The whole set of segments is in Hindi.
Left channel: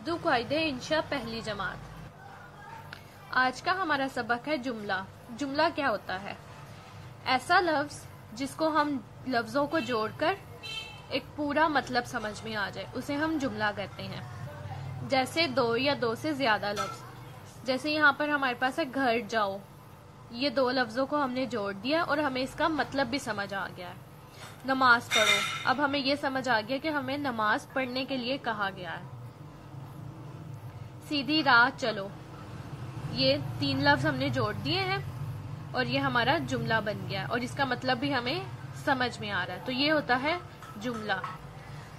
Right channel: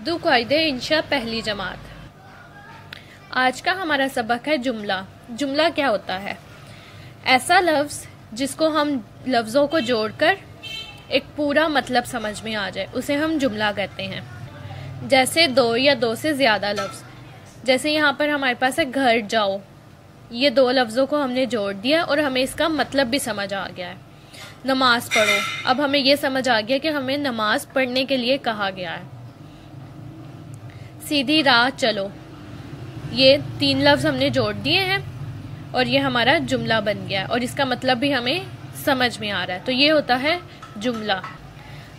उर्दू कायदे इंशा पहली जमात। आज का हमारा सबक है जुमला। जुमला क्या होता है? ऐसा लफ्ज़ जिसको हम लफ्ज़ों को जोड़कर एक पूरा मतलब समझ में आ जाए, उसे हम जुमला कहते हैं। जैसे दो या दो से ज़्यादा लफ्ज़, जैसे यहाँ पर हमारे पास है घर जाओ। ये दो लफ्ज़ों को हमने जोड़ दिया और हमें इसका मतलब भी समझ आ गया है। नमाज पढ़ो, अब हमें यह समझ आ गया कि हमें नमाज पढ़ने के लिए कहा गया है। सीधी राह चलो, ये तीन लफ्ज़ हमने जोड़ दिए हैं और ये हमारा जुमला बन गया और इसका मतलब भी हमें समझ में आ रहा है। तो ये होता है जुमला।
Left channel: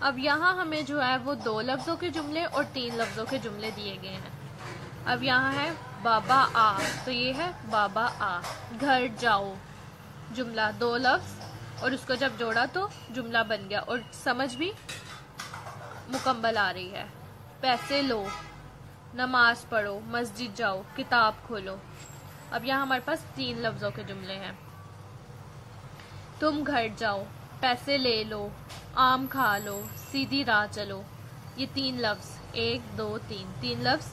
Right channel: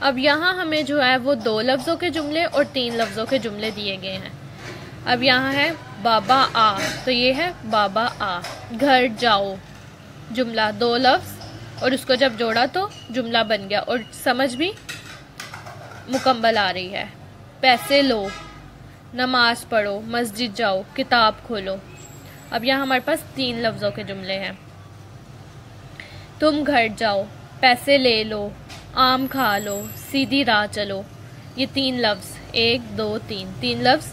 अब यहाँ हमें जो है वो दो लफ्ज़ों के जुमले और तीन लफ्ज़ों के जुमले दिए गए हैं। अब यहाँ है बाबा आ, तो ये है बाबा आ। घर जाओ, जुमला, दो लफ्ज़ और उसको जब जोड़ा तो जुमला बन गया और समझ भी मुकम्मल आ रही है। पैसे लो, नमाज पढ़ो, मस्जिद जाओ, किताब खोलो। अब यहाँ हमारे पास तीन लफ्ज़ों के जुमले हैं। तुम घर जाओ, पैसे ले लो, आम खा लो, सीधी राह चलो। ये तीन लफ्ज़, एक दो तीन, तीन लफ्ज़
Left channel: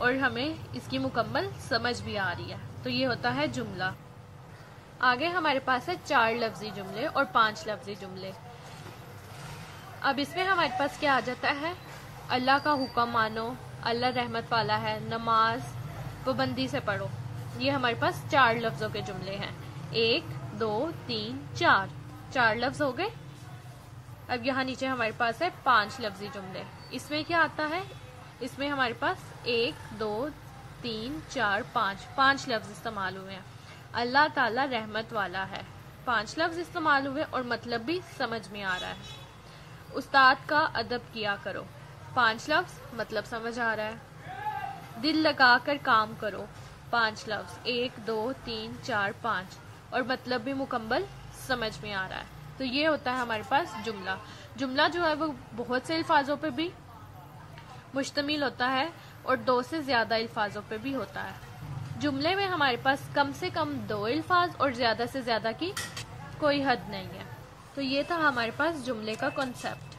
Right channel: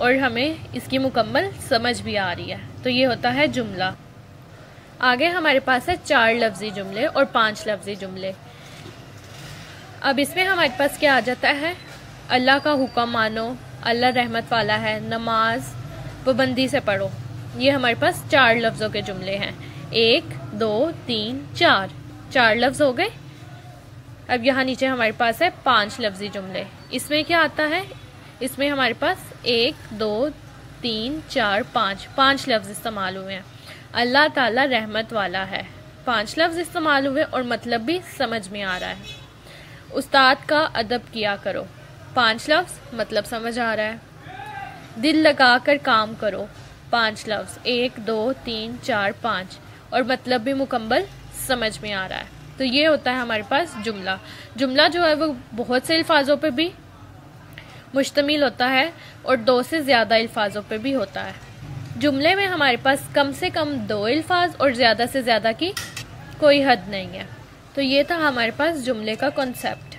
और हमें इसकी मुकम्मल समझ भी आ रही है। तो ये होता है जुमला। आगे हमारे पास है चार लफ्ज़ी जुमले और पांच लफ्ज़ी जुमले। अब इसमें हमारे पास क्या आ जाता है? अल्लाह का हुक्म मानो, अल्लाह रहमत वाला है, नमाज पाबंदी से पढ़ो। ये हमारे पास चार लफ्ज़ों के जुमले हैं। एक दो तीन चार, चार लफ्ज़ हो गए। अब यहाँ नीचे हमारे पास है पांच लफ्ज़ी जुमले। इसमें क्या आता है? इसमें हमारे पास एक दो तीन चार पाँच, पांच लफ्ज़ इस्तेमाल हुए हैं। अल्लाह ताला रहमत वाला है, पांच लफ्ज़ इस्तेमाल हुए और मतलब भी समझ में आ रहा है। उस्ताद का अदब किया करो, पांच लफ्ज़, मतलब समझ आ रहा है। दिल लगा कर काम करो, पांच लफ्ज़, एक दो तीन चार पाँच और मतलब भी मुकम्मल समझ में आ रहा है। तो ये होता है हमारे पास जुमला। जुमला जो है वो बहुत से अल्फाजों पे भी मुश्तमिल होता है और दो से ज़्यादा अल्फाजों पे भी होता है। जुमले में हमारे पास कम से कम दो अल्फाज और ज़्यादा से ज़्यादा की कोई हद नहीं है। तो ये था हमारे पास जुमले का कॉन्सेप्ट।